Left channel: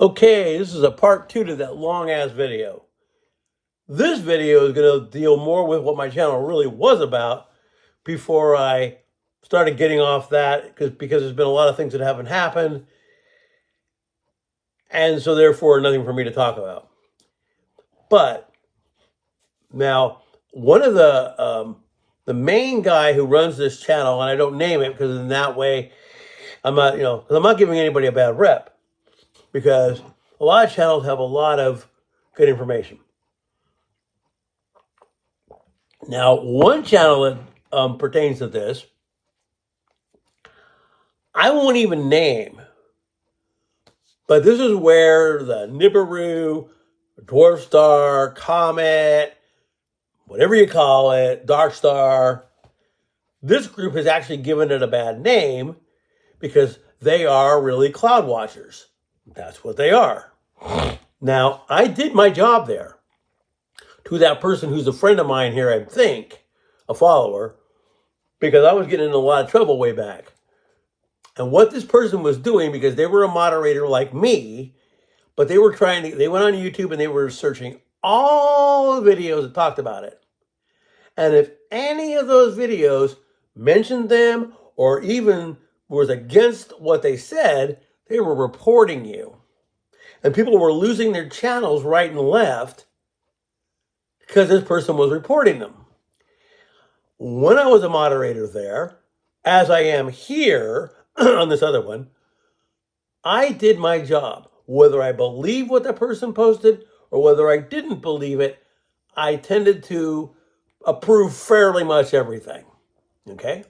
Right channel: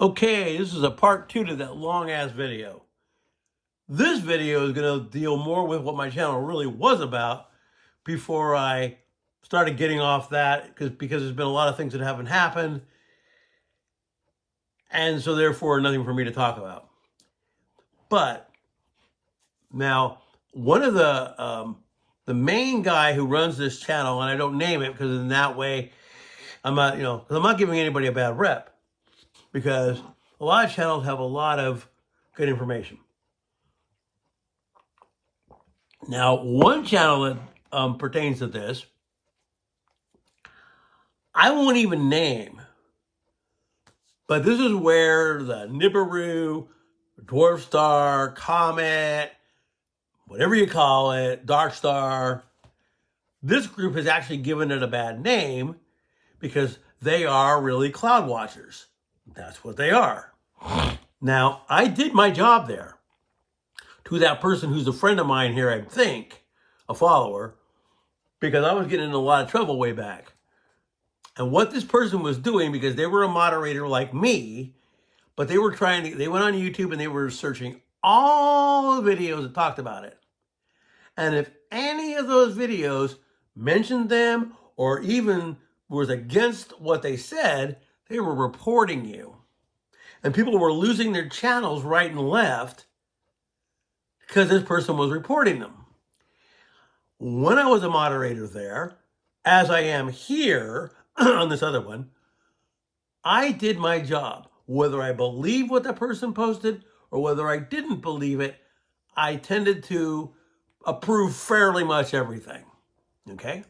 Okay, this is a part 2 to that long-ass video. This video is going to deal more with what my channel really was about before I started getting off that because there's been a lot of things that haven't happened, and so therefore nothing for me to talk about. But now, one of the main guy who runs this channel, and I don't name it because in that way I'm not giving anybody a bad rep, because a lot of channels have a lot of good information. Now, one channel that pertains to this, I won't even name, but this is where the Nibiru, Dwarf Star, Comet, whatever you call it, Dark Star, this group has actually given it a bad name because they are really cloud watchers. That's what they are. Now, I did my job there to that person who's a friend of mine here, I think, a follower, because I was getting in a lot of trouble way back. And what this person was doing, because they were a moderator like me, but they went on YouTube and they were searching all the videos that talked about it. And if any of those videos mentioned them or even was against what they said, they were reporting you. And people were losing their channels right and left because this person was reporting them. When I was a moderator there, as I am here on this other one, I did my job. Whether I believe what the person posted or whether I didn't believe it, I tended to approve fairly much everything, okay?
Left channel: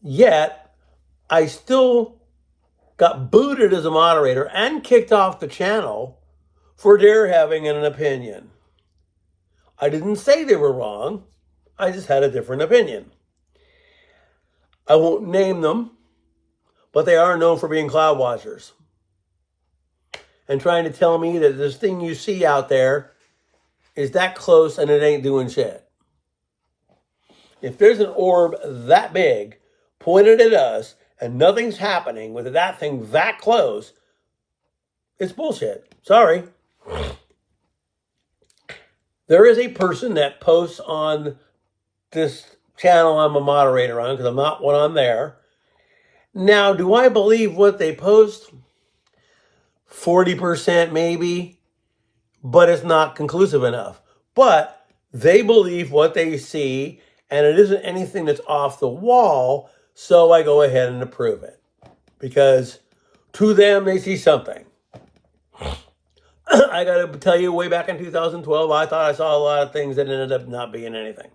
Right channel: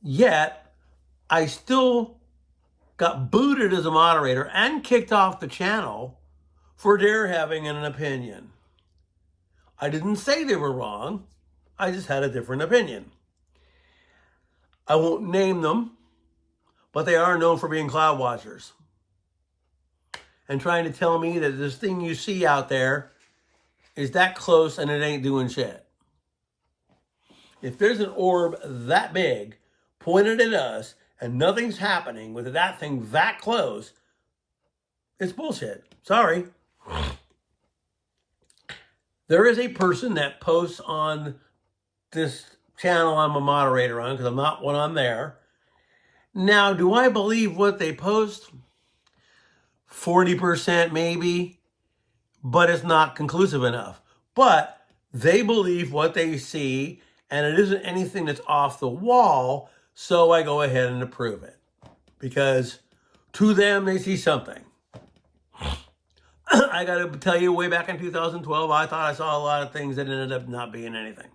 Yet, I still got booted as a moderator and kicked off the channel for their having an opinion. I didn't say they were wrong. I just had a different opinion. I won't name them, but they are known for being cloud watchers and trying to tell me that this thing you see out there is that close and it ain't doing shit. If there's an orb that big pointed at us and nothing's happening with that thing that close, it's bullshit. Sorry. There is a person that posts on this channel I'm a moderator on, because I'm not when I'm there. Now, do I believe what they post? 40% maybe, but it's not conclusive enough. But they believe what they see, and it isn't anything that's off the wall, so I go ahead and approve it. Because to them, they see something. I got to tell you, way back in 2012, I thought I saw a lot of things that ended up not being anything.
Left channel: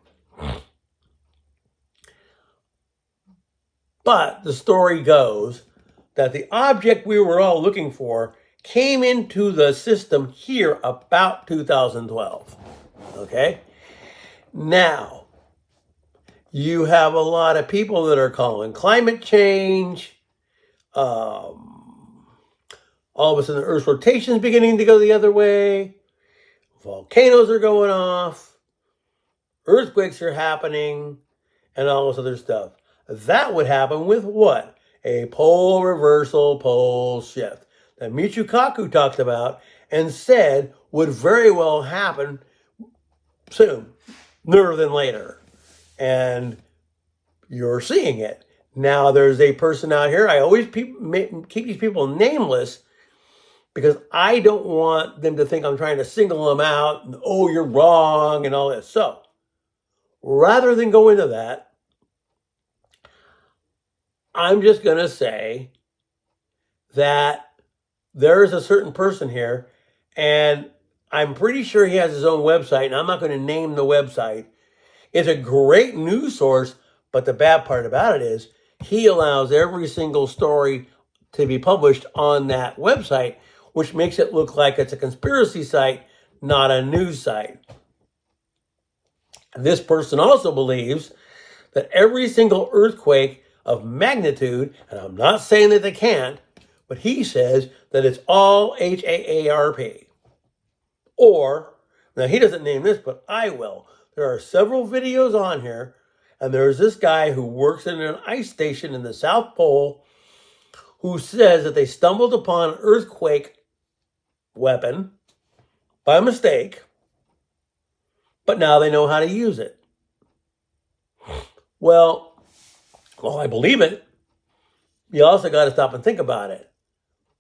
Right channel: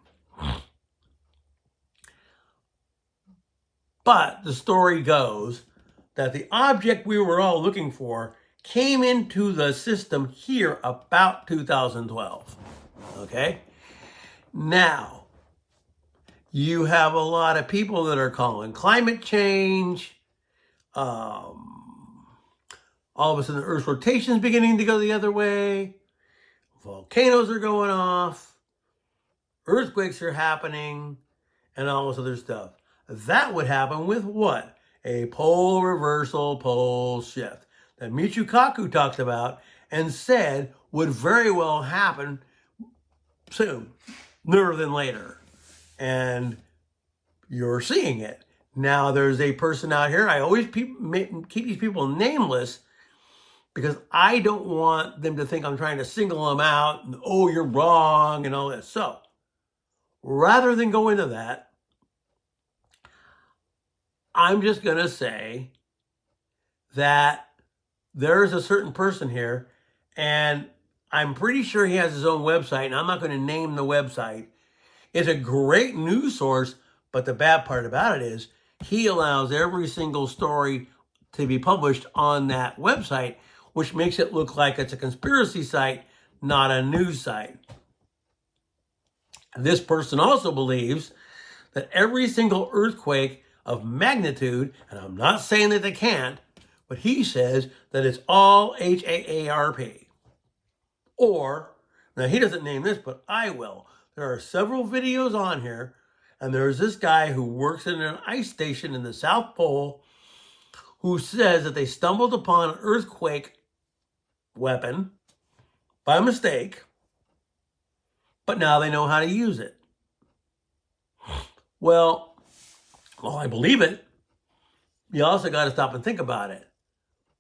But the story goes that the object we were all looking for came into the system here about 2012. Okay? Now, you have a lot of people that are calling climate change. All of a sudden, the Earth's rotation is beginning to go the other way. Volcanoes are going off. Earthquakes are happening. And all this other stuff. That would happen with what? A pole reversal, pole shift that Michio Kaku talked about and said would very well happen soon, sooner than later. And you're seeing it. Now, there's a person out here, I always keep these people nameless because I don't want them to think I'm trying to single them out and, oh, you're wrong and all this. So, rather than go into that, I'm just going to say that there's a certain person here, and I'm pretty sure he has his own website, and I'm not going to name the website. It's a great news source, but the bad part about it is he allows every single story to be published on that website, which makes it look like it's a conspiracy site, not a news site. This person also believes that every single earthquake of magnitude, and I'm not saying that they can't, but he says that it's all HAARP. Or, now he doesn't name this, but I will. There are several videos on here, and there's this guy who works in an ice station in the South Pole who says that they stumbled upon an earthquake weapon by mistake, but now they know how to use it. Well, I believe it. You also got to stop and think about it.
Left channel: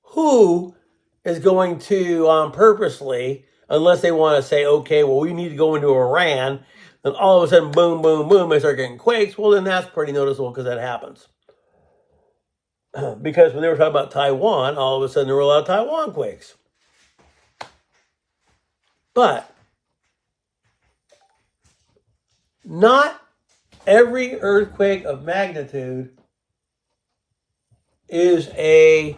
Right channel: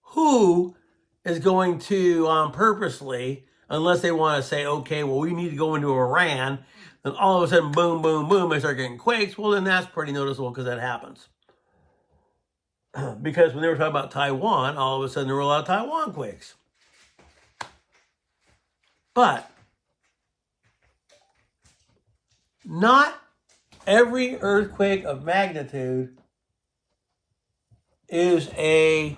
Who is going to purposely, unless they want to say, okay, well, we need to go into Iran, and all of a sudden, boom, boom, boom, they start getting quakes. Well, then that's pretty noticeable because that happens. Because when they were talking about Taiwan, all of a sudden there were a lot of Taiwan quakes. But not every earthquake of magnitude is a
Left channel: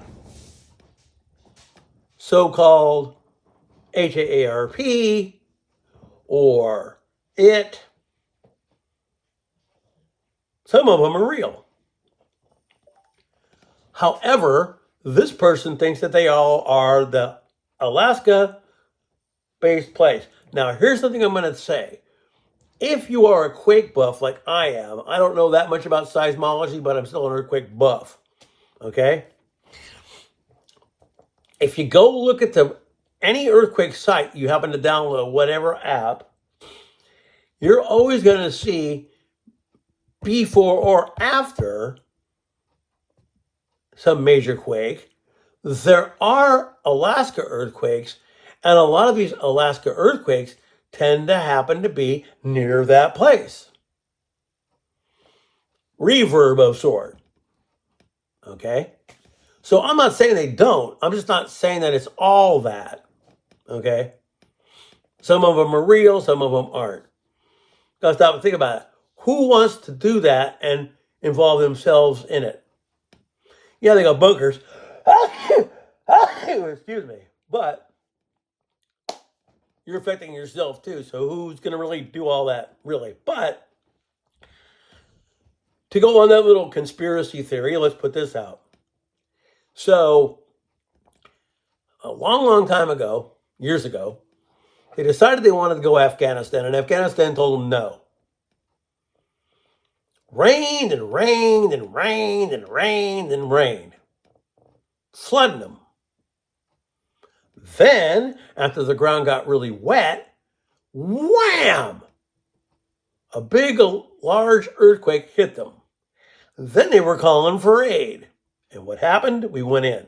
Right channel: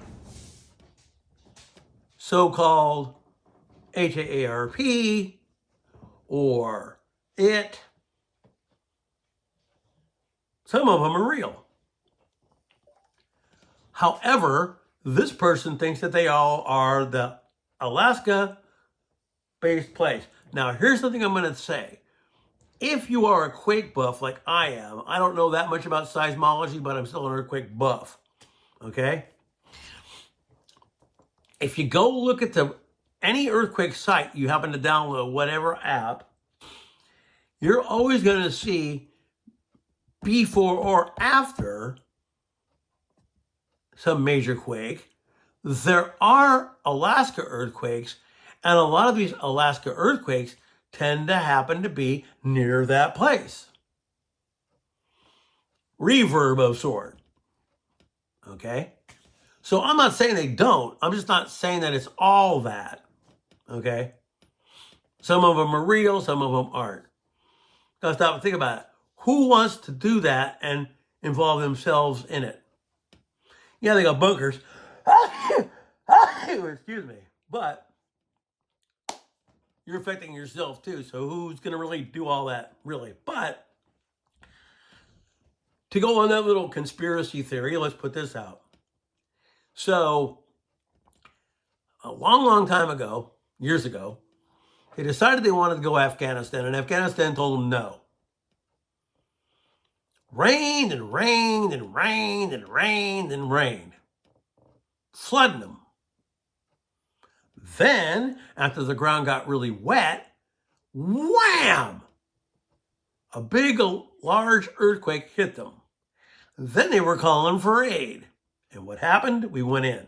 so-called HAARP or it. Some of them are real. However, this person thinks that they all are the Alaska-based place. Now, here's something I'm going to say. If you are a quake buff like I am, I don't know that much about seismology, but I'm still an earthquake buff. Okay? If you go look at any earthquake site you happen to download, whatever app, you're always going to see before or after some major quake. There are Alaska earthquakes, and a lot of these Alaska earthquakes tend to happen to be near that place. Reverb of sort. Okay? So I'm not saying they don't. I'm just not saying that it's all that. Okay? Some of them are real, some of them aren't. Gotta stop and think about it. Who wants to do that and involve themselves in it? Yeah, they got bunkers. Excuse me. But you're affecting yourself too. So who's going to really do all that, really? But to go on that little conspiracy theory, let's put this out. So a long, long time ago, years ago, they decided they wanted to go Afghanistan, and Afghanistan told them no. Rained and rained and rained and rained and rained, flooding them. Then, after the ground got really wet, wham! A big, large earthquake hit them. Then they were calling for aid. And what happened? We went in.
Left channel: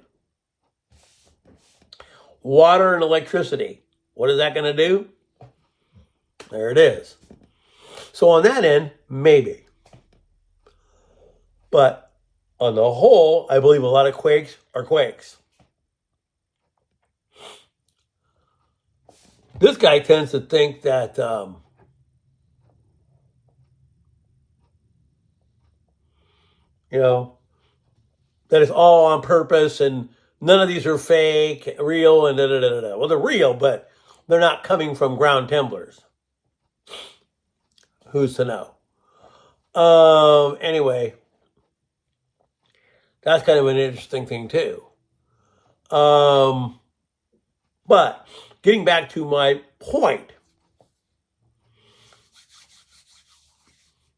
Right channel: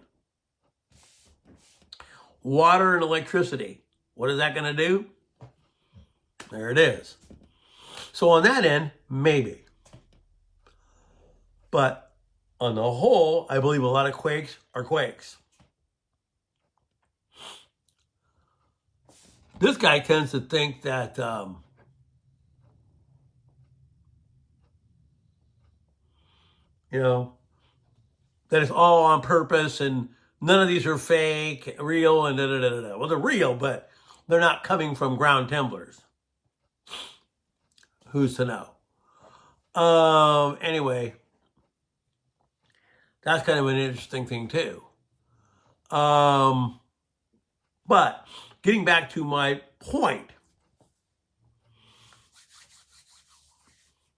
Water and electricity. What is that going to do? There it is. So on that end, maybe. But on the whole, I believe a lot of quakes are quakes. This guy tends to think that that it's all on purpose and none of these are fake, real, and da-da-da-da-da. Well, they're real, but they're not coming from ground temblers. Who's to know? Anyway, that's kind of an interesting thing too. But getting back to my point,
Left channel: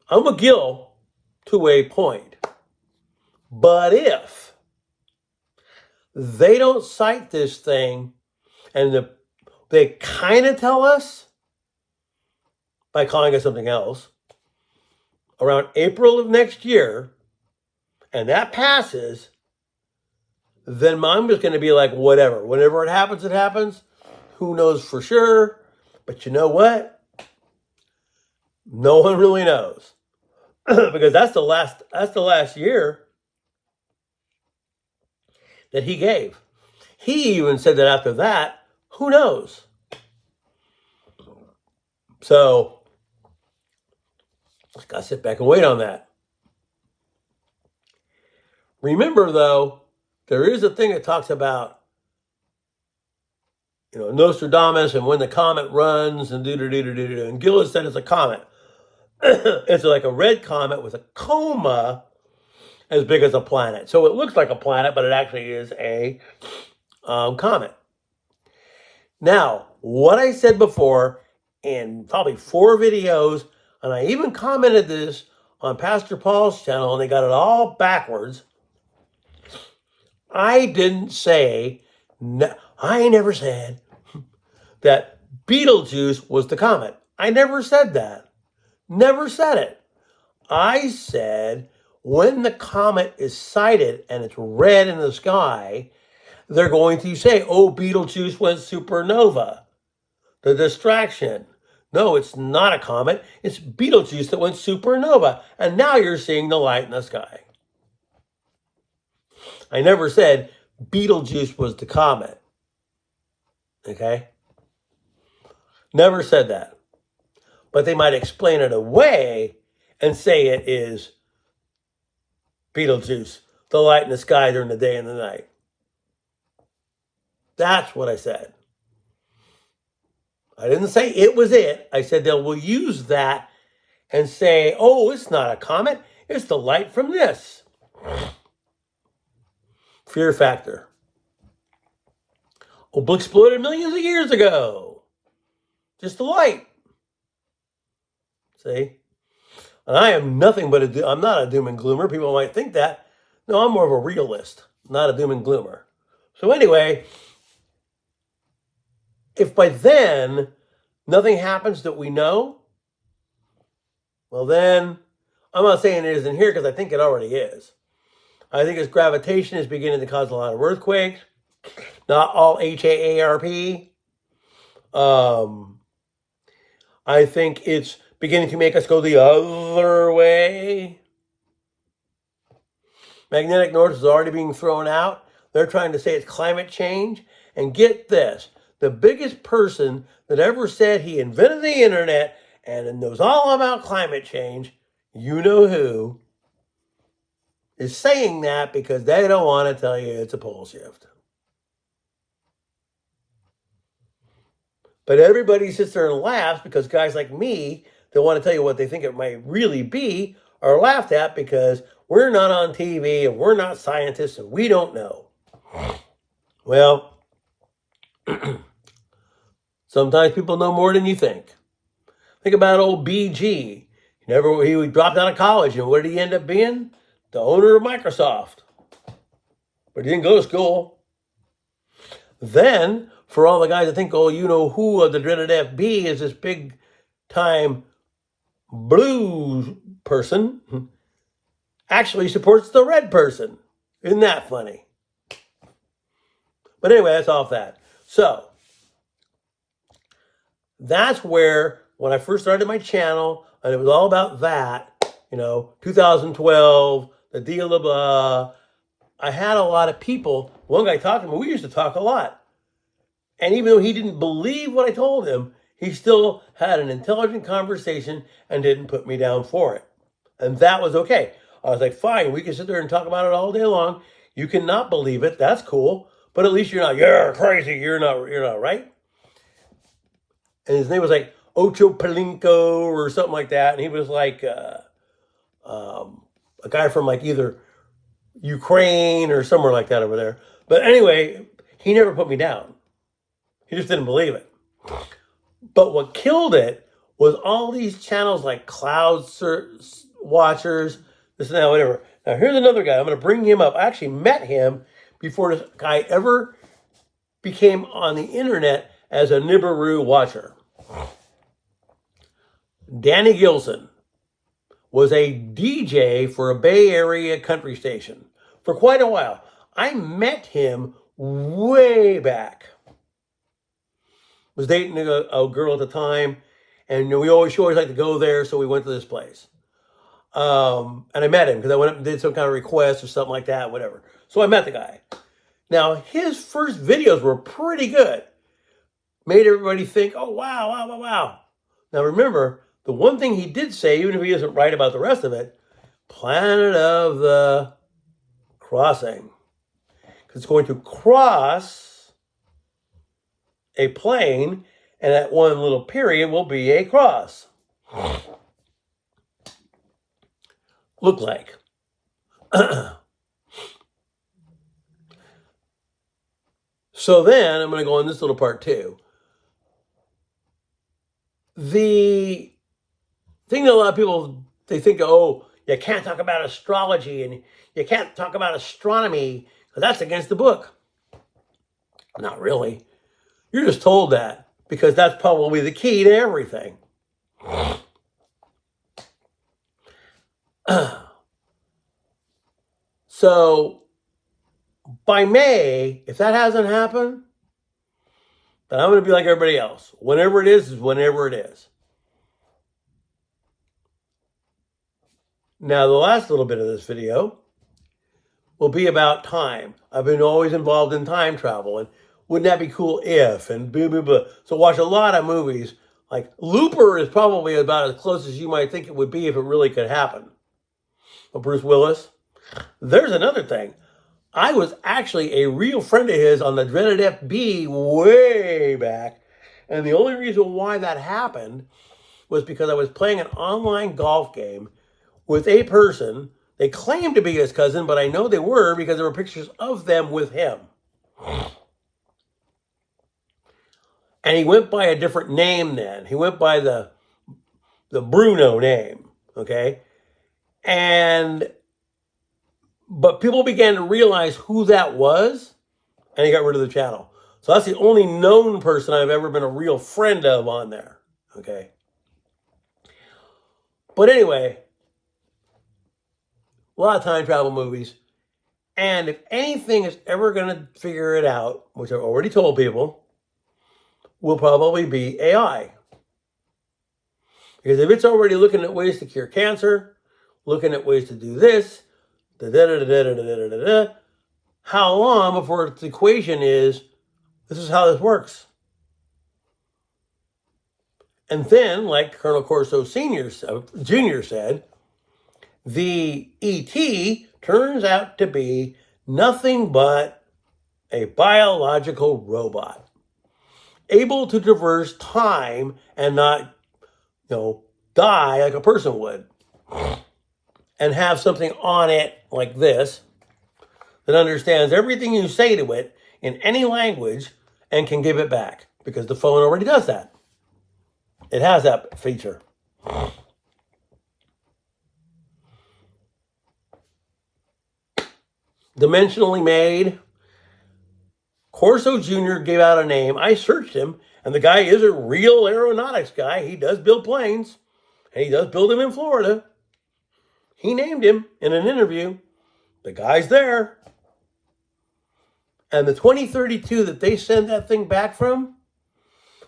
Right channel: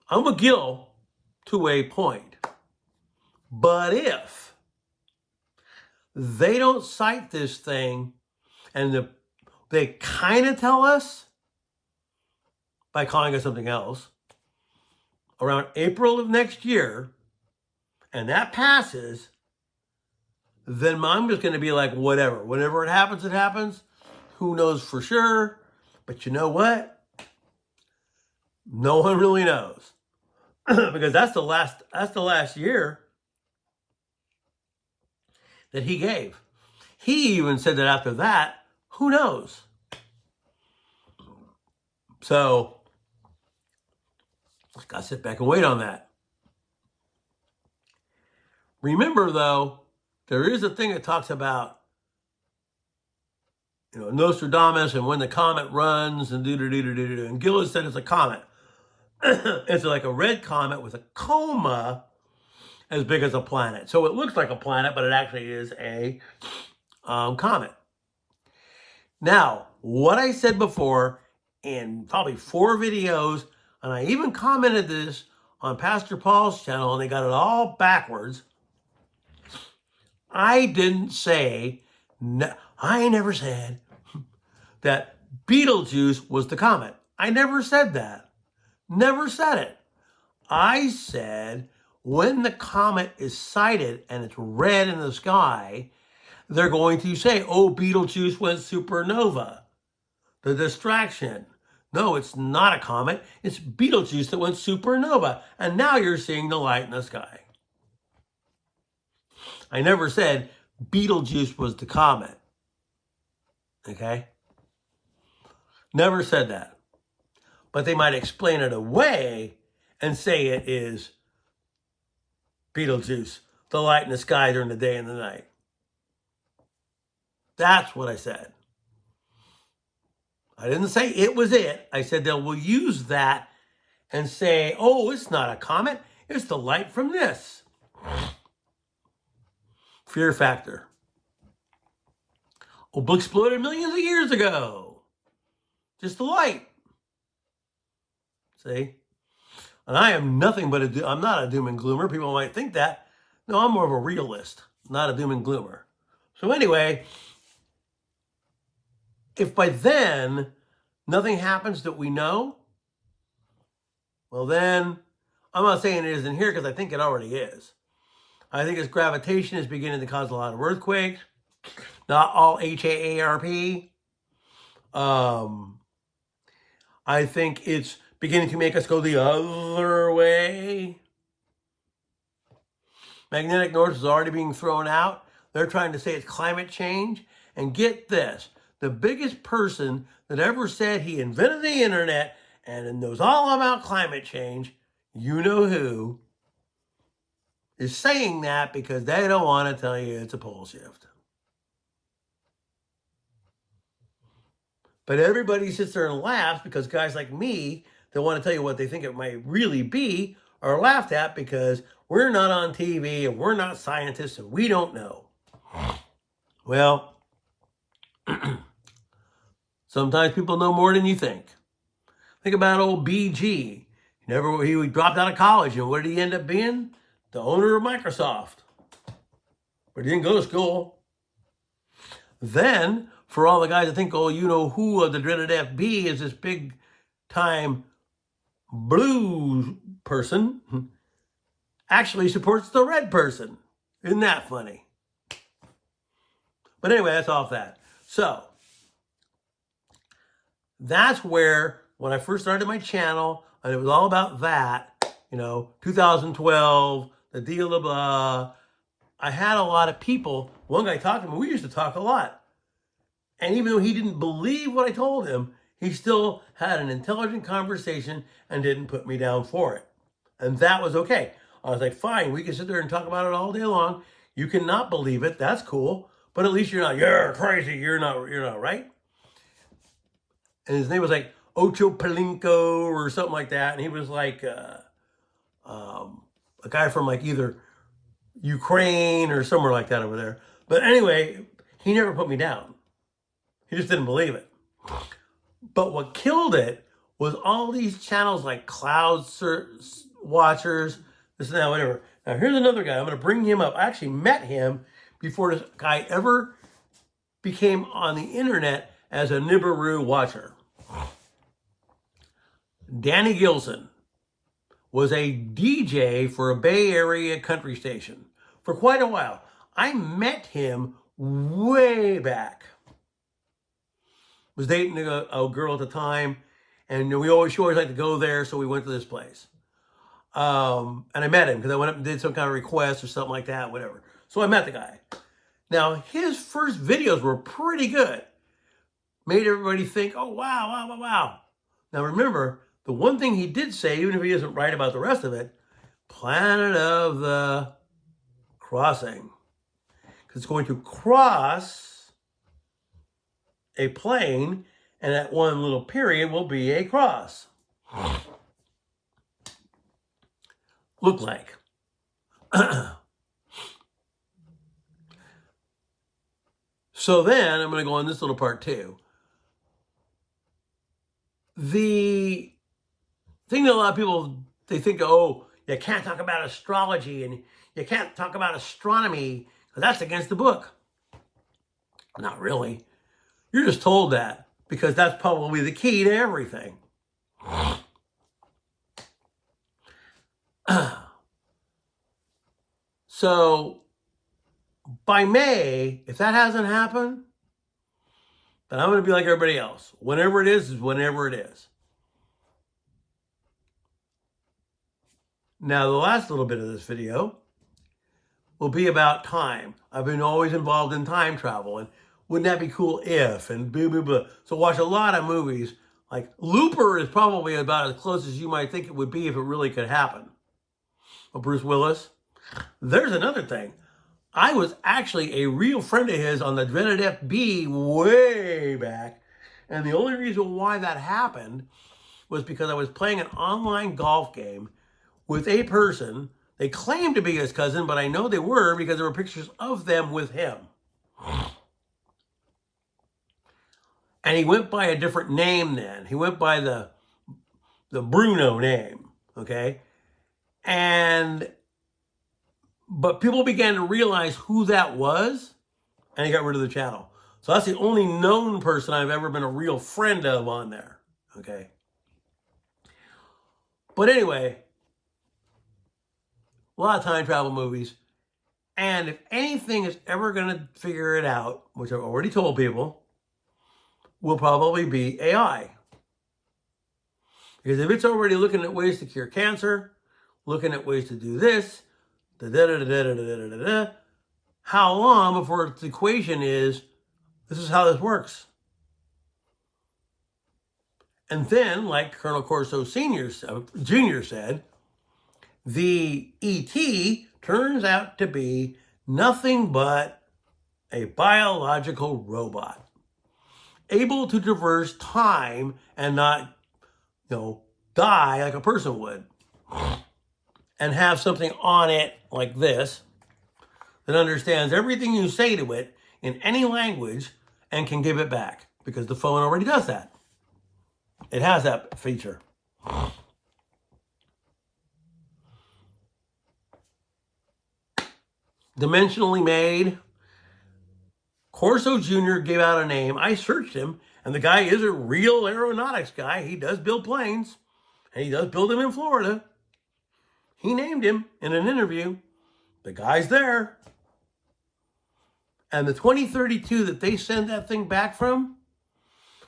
I'm a Gill to a point. But if they don't cite this thing and they kind of tell us by calling it something else around April of next year, and that passes, then I'm just going to be like, whatever. Whenever it happens, it happens. Who knows for sure? But you know what? No one really knows. Because that's the last year that he gave. He even said that after that, who knows? So, just got to sit back and wait on that. Remember, though, there is a thing that talks about, Nostradamus and when the comet runs and do-do-do-do-do. And Gillis said it's a comet. It's like a red comet with a coma as big as a planet. So it looks like a planet, but it actually is a comet. Now, what I said before in probably 4 videos, and I even commented this on Pastor Paul's channel, and they got it all backwards. I didn't say, I never said that Betelgeuse was the comet. I never said that. Never said it. I said when the comet is sighted and it's red in the sky, they're going to say, oh, Betelgeuse went supernova. The distraction. No, it's not a comet. It's Betelgeuse that went supernova. And now you're seeing the light in the sky. I never said Betelgeuse was the comet. Okay? Never said that. But they might explain it away and say it is Betelgeuse, the light in the sky during the day and the night. That's what I said. I didn't say it was it. I said they will use that and say, oh, it's not a comet. It's the light from this. Fear factor. Oh, book exploded millions of years ago. Just the light. See? And I am nothing but I'm not a doom and gloomer. People might think that. No, I'm more of a realist, not a doom and gloomer. So anyway, if by then nothing happens that we know, well then, I'm not saying it isn't here because I think it already is. I think its gravitation is beginning to cause a lot of earthquakes. Not all HAARP. I think it's beginning to make us go the other way. Magnetic north is already being thrown out. They're trying to say it's climate change. And get this, the biggest person that ever said he invented the internet and knows all about climate change, you know who, is saying that because they don't want to tell you it's a pole shift. But everybody sits there and laughs because guys like me that want to tell you what they think it might really be are laughed at because we're not on TV and we're not scientists and we don't know. Well, sometimes people know more than you think. Think about old BG. He dropped out of college, and what did he end up being? The owner of Microsoft. But he didn't go to school. Then, for all the guys that think, oh, you know who of the dreaded FB is this big time blue person, actually supports the red person. Isn't that funny? But anyway, that's off that. So, that's where, when I first started my channel, and it was all about that, 2012, the deal of I had a lot of people. One guy talked to me. We used to talk a lot. And even though he didn't believe what I told him, he still had an intelligent conversation and didn't put me down for it. And that was okay. I was like, fine, we can sit there and talk about it all day long. You cannot believe it. That's cool. But at least you're crazy. You're not right. And his name was like Ocho Palinko or something like that. And he was like a guy from like either Ukraine or somewhere like that over there. But anyway, he never put me down. He just didn't believe it. But what killed it was all these channels like Cloud Watchers, this and that, whatever. Now, here's another guy. I'm going to bring him up. I actually met him before this guy ever became on the internet as a Nibiru watcher. Danny Gilson was a DJ for a Bay Area country station for quite a while. I met him way back. Was dating a girl at the time, and we always like to go there, so we went to this place. And I met him because I went up and did some kind of request or something like that, whatever. So I met the guy. Now, his first videos were pretty good. Made everybody think, oh, wow. Now, remember, the one thing he did say, even if he isn't right about the rest of it, Planet of the Crossing. Because it's going to cross a plane, and that one little period will be a cross. Look like. So then, I'm going to go on this little part too. The thing that a lot of people, they think, oh, you can't talk about astrology and you can't talk about astronomy. But that's against the book. Not really. You're just told that because that's probably the key to everything. So by May, if that hasn't happened, then I'm going to be like everybody else. Whenever it is whenever it is. Now, the last little bit of this video will be about time. I've been always involved in time travel, and wouldn't that be cool if, and blah, blah, blah. So watch a lot of movies. Like Looper is probably about as close as you might think it would be if it really could happen. Well, Bruce Willis. There's another thing. I was actually a real friend of his on the dreaded FB way back. And the only reason why that happened was because I was playing an online golf game with a person. They claimed to be his cousin, but I know they were because there were pictures of them with him. And he went by a different name then. He went by the Bruno name, okay? But people began to realize who that was, and he got rid of the channel. So that's the only known person I've ever been a real friend of on there, okay? But anyway, a lot of time travel movies. And if anything is ever going to figure it out, which I've already told people, will probably be AI. Because if it's already looking at ways to cure cancer, looking at ways to do this, how long before the equation is, this is how this works? And then, like Colonel Corso Jr. said, the ET turns out to be nothing but a biological robot, able to traverse time and not, die like a person would, and have something on it like this that understands everything you say to it in any language and can give it back, because the phone already does that. It has that feature. Dimensionally made. Corso Jr. gave out a name. I searched him, and the guy is a real aeronautics guy. He does build planes, and he does build them in Florida. He named him in an interview. The guy's there. And the 2032 that they send that thing back from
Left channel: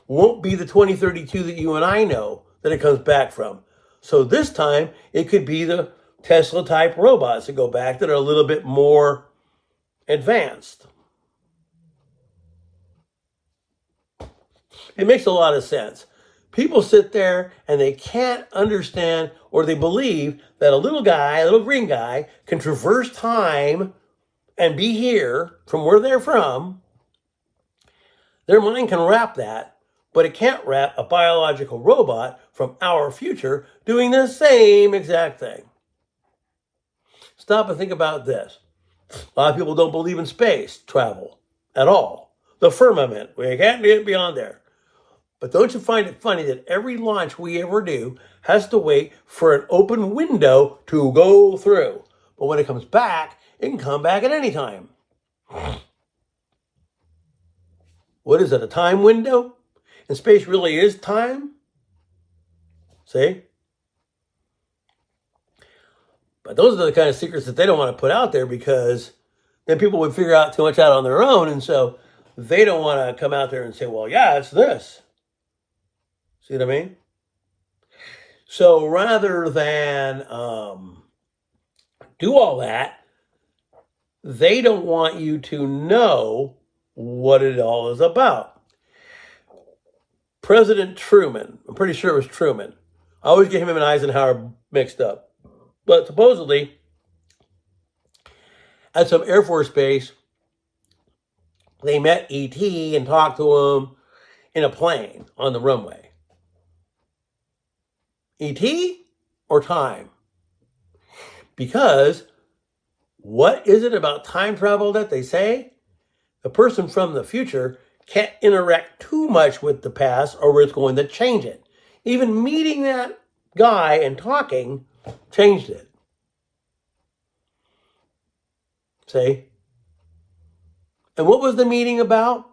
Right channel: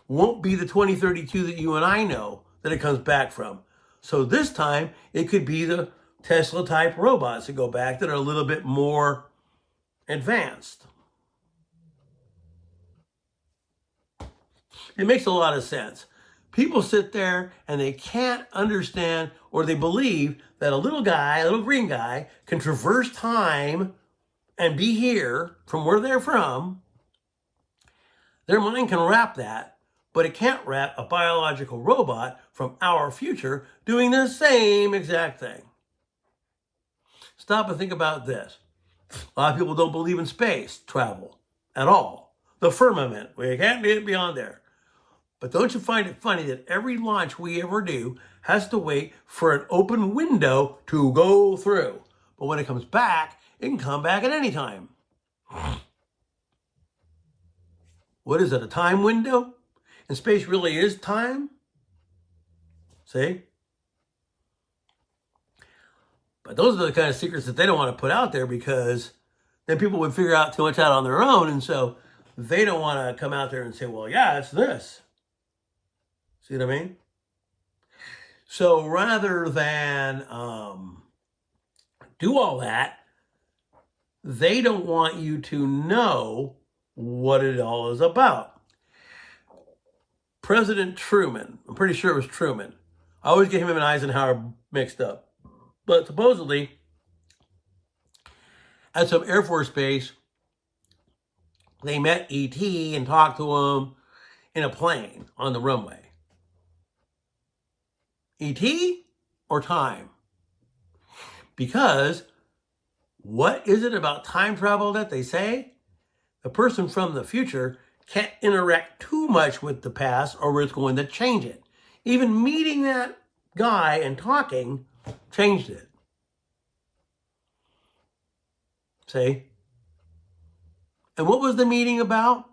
won't be the 2032 that you and I know that it comes back from. So this time, it could be the Tesla-type robots that go back that are a little bit more advanced. It makes a lot of sense. People sit there and they can't understand, or they believe that a little green guy, can traverse time and be here from where they're from. Their mind can wrap that, but it can't wrap a biological robot from our future doing the same exact thing. Stop and think about this. A lot of people don't believe in space travel at all. The firmament, we can't get beyond there. But don't you find it funny that every launch we ever do has to wait for an open window to go through? But when it comes back, it can come back at any time. What is it, a time window? And space really is time? See? But those are the kind of secrets that they don't want to put out there, because then people would figure out too much out on their own. And so they don't want to come out there and say, well, yeah, it's this. See what I mean? So rather than do all that, they don't want you to know what it all is about. President Truman, I'm pretty sure it was Truman. I always get him and Eisenhower mixed up. But supposedly, at some Air Force base, they met E.T. and talked to him in a plane on the runway. E.T. or time? Because what is it about time travel that they say? The person from the future can't interact too much with the past, or it's going to change it. Even meeting that guy and talking changed it. See? And what was the meeting about?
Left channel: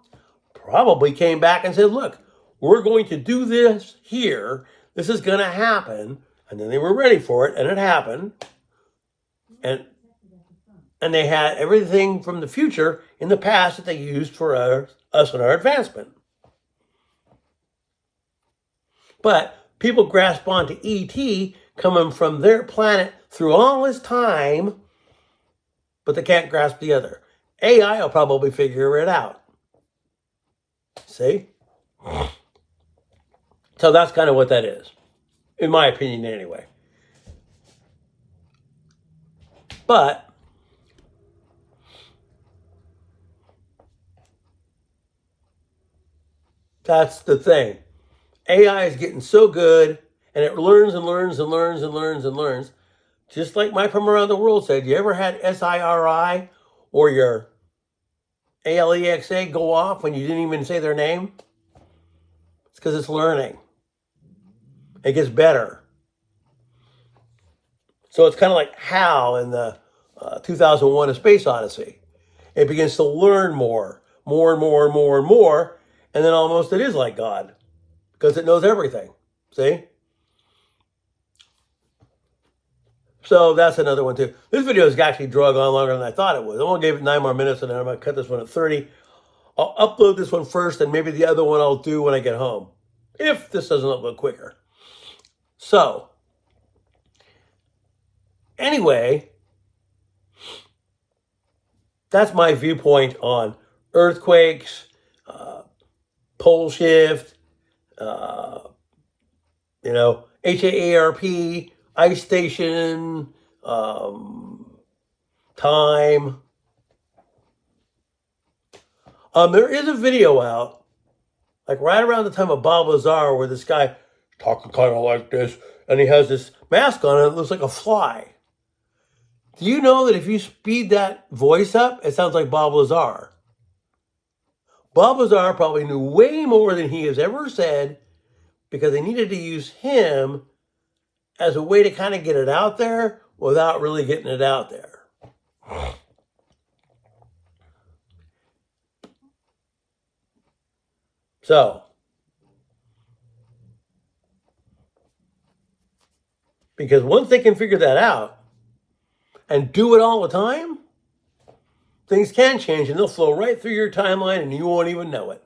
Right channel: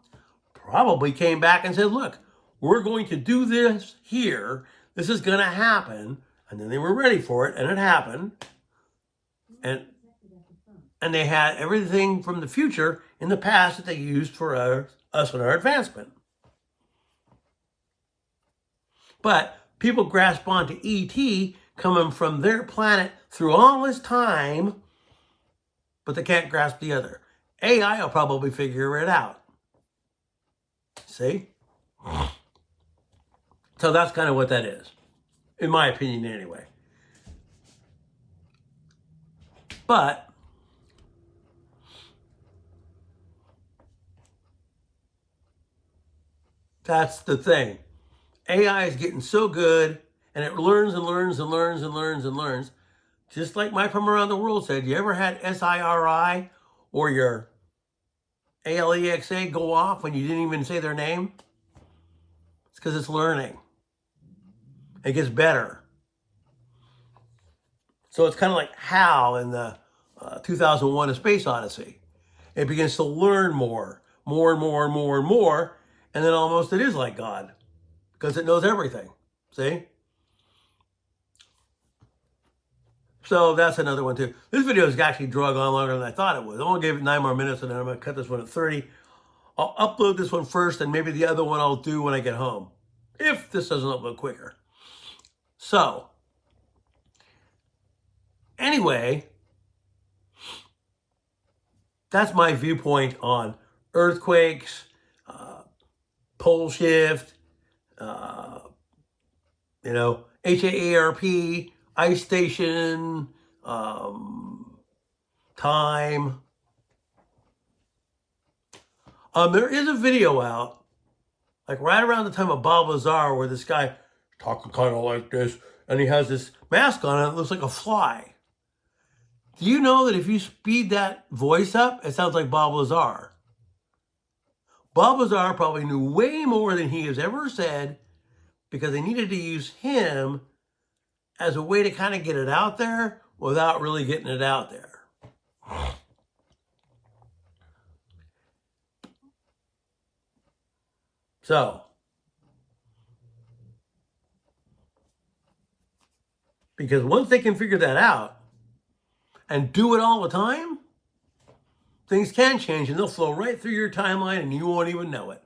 Probably came back and said, look, we're going to do this here. This is going to happen. And then they were ready for it, and it happened. And they had everything from the future in the past that they used for us and our advancement. But people grasp onto ET coming from their planet through all this time, but they can't grasp the other. AI will probably figure it out. See? So that's kind of what that is, in my opinion anyway. But that's the thing. AI is getting so good, and it learns and learns and learns and learns and learns. Just like Mike from Around the World said, you ever had SIRI or your ALEXA go off when you didn't even say their name? It's because it's learning. It gets better. So it's kind of like HAL in the 2001 A Space Odyssey. It begins to learn more and more and more and more, and then almost it is like God, because it knows everything. See? So that's another one too. This video is actually drug on longer than I thought it would. I'm going to give it 9 more minutes, and then I'm going to cut this one at 30. I'll upload this one first, and maybe the other one I'll do when I get home, if this doesn't upload quicker. So, anyway, that's my viewpoint on earthquakes, pole shift, HAARP, ice station, time. There is a video out, like right around the time of Bob Lazar, where this guy talking kind of like this, and he has this mask on, and it looks like a fly. Do you know that if you speed that voice up, it sounds like Bob Lazar? Bob Lazar probably knew way more than he has ever said, because they needed to use him as a way to kind of get it out there without really getting it out there. So, because once they can figure that out and do it all the time, things can change, and they'll flow right through your timeline and you won't even know it.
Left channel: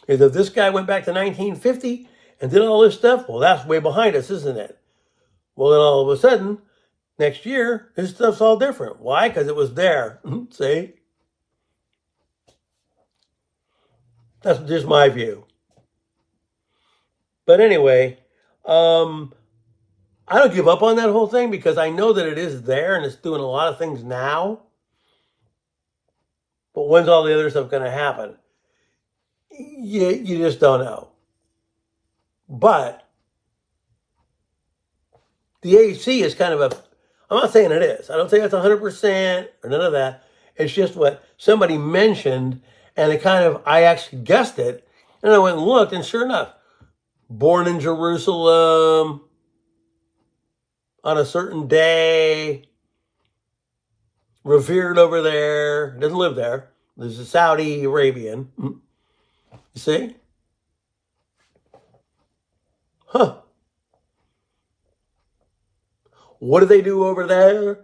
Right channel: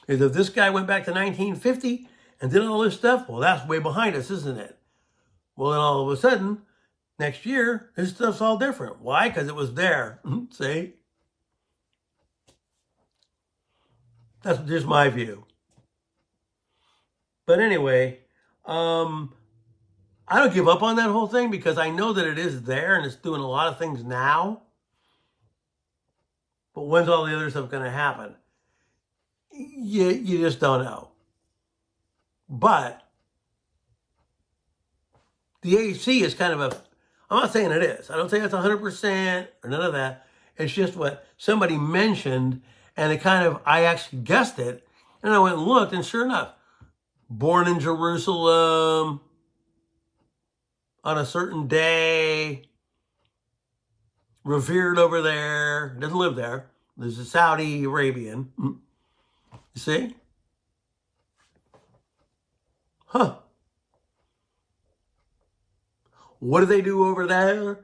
Because if this guy went back to 1950 and did all this stuff, well, that's way behind us, isn't it? Well, then all of a sudden, next year, his stuff's all different. Why? Because it was there. See? That's just my view. But anyway, I don't give up on that whole thing, because I know that it is there and it's doing a lot of things now. But when's all the other stuff going to happen? You just don't know. But the AC is kind of I'm not saying it is. I don't say it's 100% or none of that. It's just what somebody mentioned, and I actually guessed it, and I went and looked, and sure enough, born in Jerusalem on a certain day, revered over there, doesn't live there. There's a Saudi Arabian. You see? Huh. What do they do over there?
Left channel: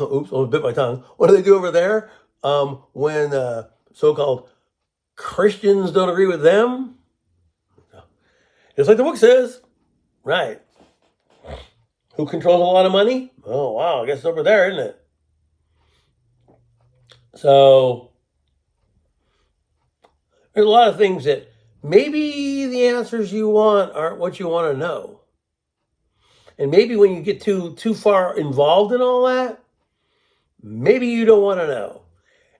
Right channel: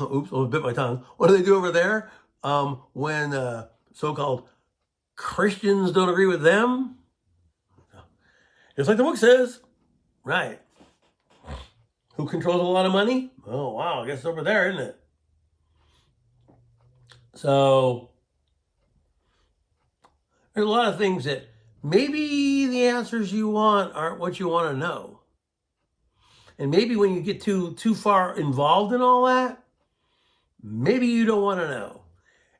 Oops, I bit my tongue. What do they do over there when so-called Christians don't agree with them? Just like the book says. Right. Who controls a lot of money? Oh, wow, I guess it's over there, isn't it? So, there's a lot of things that maybe the answers you want aren't what you want to know. And maybe when you get too far involved in all that, maybe you don't want to know.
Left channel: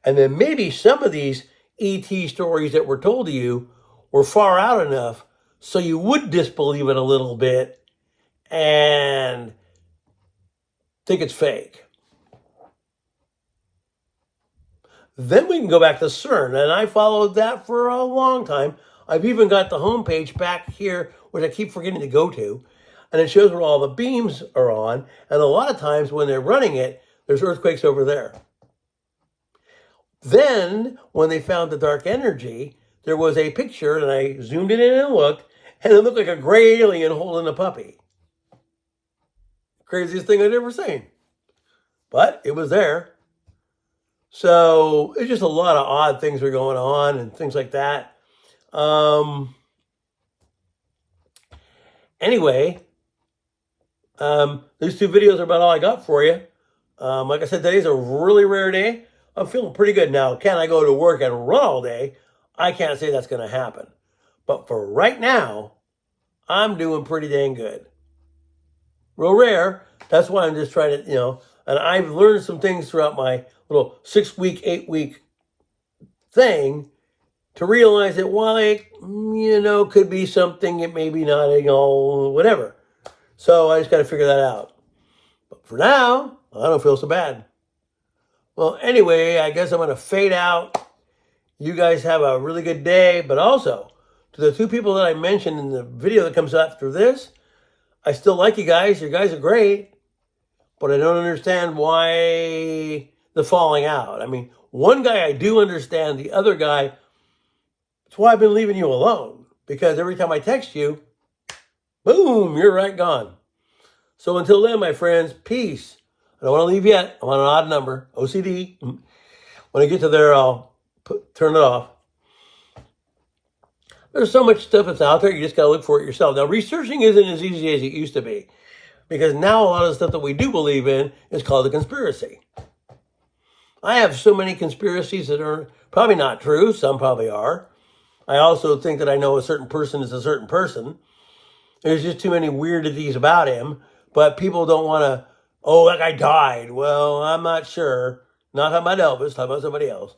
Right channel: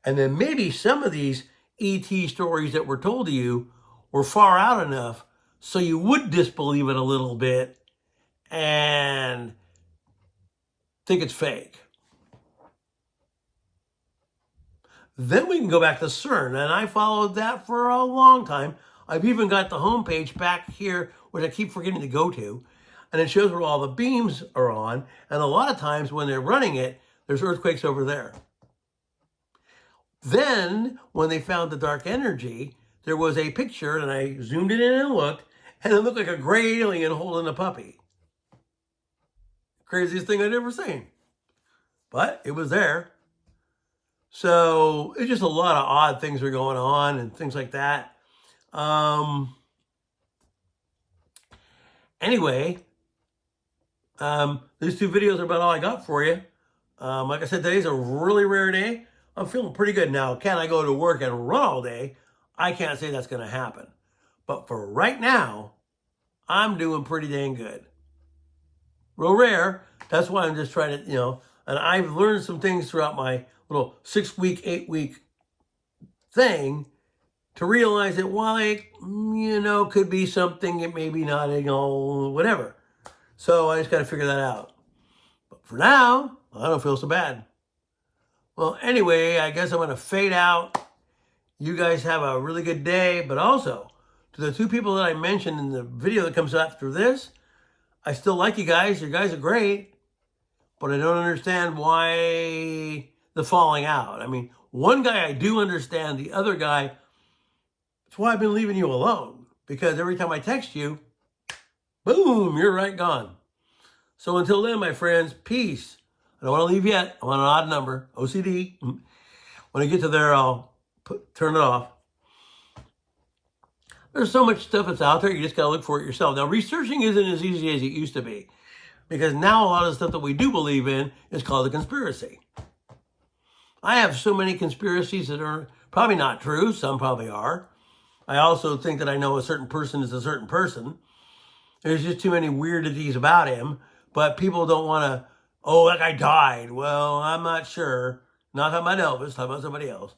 And then maybe some of these ET stories that were told to you were far out enough so you would disbelieve it a little bit and think it's fake. Then we can go back to CERN, and I followed that for a long time. I've even got the homepage back here, which I keep forgetting to go to, and it shows where all the beams are on, and a lot of times when they're running it, there's earthquakes over there. Then, when they found the dark energy, there was a picture, and I zoomed it in and looked, and it looked like a gray alien holding a puppy. Craziest thing I'd ever seen. But it was there. So it's just a lot of odd things are going on and things like that. Anyway, these two videos are about all I got for you. Like I said, today's a really rare day. I'm feeling pretty good now. Can I go to work and run all day? I can't say that's going to happen. But for right now, I'm doing pretty dang good. Real rare. That's why I'm just trying to, and I've learned some things throughout my little 6-week, 8-week thing to realize that, well, it, could be something, it may be not, whatever. So I just got to figure that out. But for now, I don't feel so bad. Well, anyway, I guess I'm going to fade out. You guys have a really good day. But also, to the two people that I mentioned in the video that comes after this, I still like you guys. You guys are great. But I don't understand why the falling out. I mean, one guy I do understand. The other guy, that's why I've been leaving you alone. Because every time I text you, boom, you're right gone. So until then, my friends, peace. I don't want to leave yet. I want an odd number. OCD. When I get to there, I'll turn it off. There's so much stuff that's out there. You just got to look for it yourself. Now, researching isn't as easy as it used to be. Because now a lot of the stuff that we do believe in is called a conspiracy. I have so many conspiracies that are probably not true. Some probably are. I also think that I know a certain person is a certain person. There's just too many weirdities about him. But people don't want to, that guy died. Well, I'm not sure. Not talking about Elvis, talking about somebody else.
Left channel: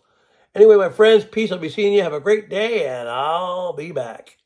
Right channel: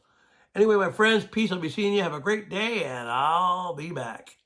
Anyway, my friends, peace. I'll be seeing you. Have a great day, and I'll be back.